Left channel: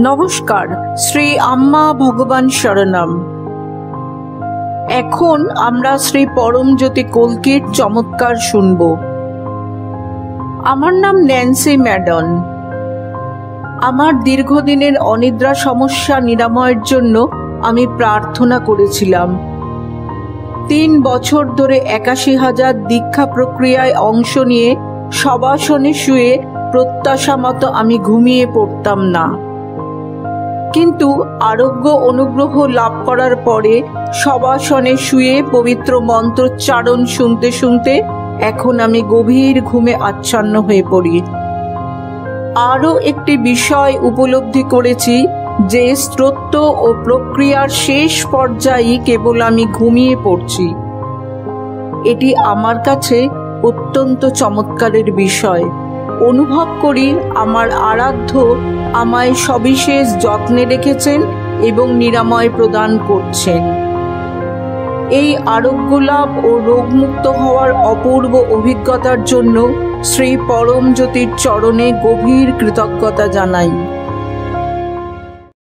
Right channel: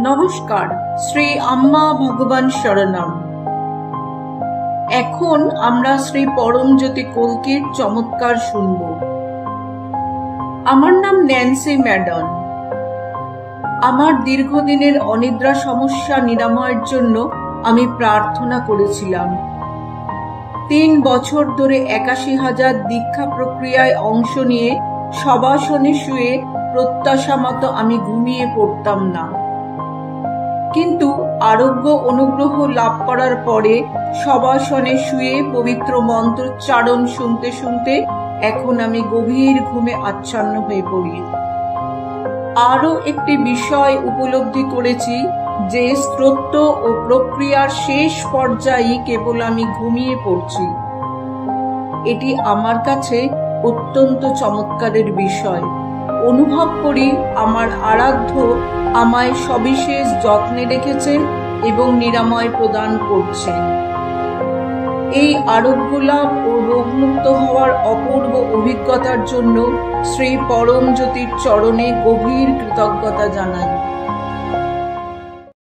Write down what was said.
নমস্কার, শ্রী আম্মা ভগবান শরণম। এখন আমরা শ্রী পরমজ্যোতি কল্কির চমৎকার শুনব। আমার নাম ন্যান্সি ম্যাডন। আমার দীর্ঘদিনের অনিদ্রা সমস্যা নিরাময়ের জন্য আমি প্রার্থনা করেছিলাম। 3 বছর ধরে 81,000 দীক্ষা প্রক্রিয়ায় অংশ নিয়ে শবাসনে শুয়ে প্রত্যাশা মতো আমি ঘুমিয়ে পড়তাম না, কিন্তু আরোগ্য অনুগ্রহ লাভ করার পরে শবাসনে শুয়ে পবিত্র মন্ত্রোচ্চারণ শুনতে শুনতে এখন আমি গভীর ঘুমে আচ্ছন্ন হয়ে পড়ি। আরও একটি বিষয় উপলব্ধি করেছি যে স্তোত্র ও প্রক্রিয়ার শেষ পর্যায়ে কেবল আমি ঘুমিয়ে পড়ছি। এটি আমার কাছে অত্যন্ত চমৎকারের বিষয়। অনুভব করি আমার আরাধ্য আমায় সবিশেষ যত্নে রেখেছেন এবং নিরাময় প্রদান করছেন। এই আরোগ্য লাভ ও রোগমুক্ত হওয়ার অপূর্ব অভিজ্ঞতার জন্য শ্রী পরমজ্যোতির চরণে গভীর কৃতজ্ঞতা জানাই।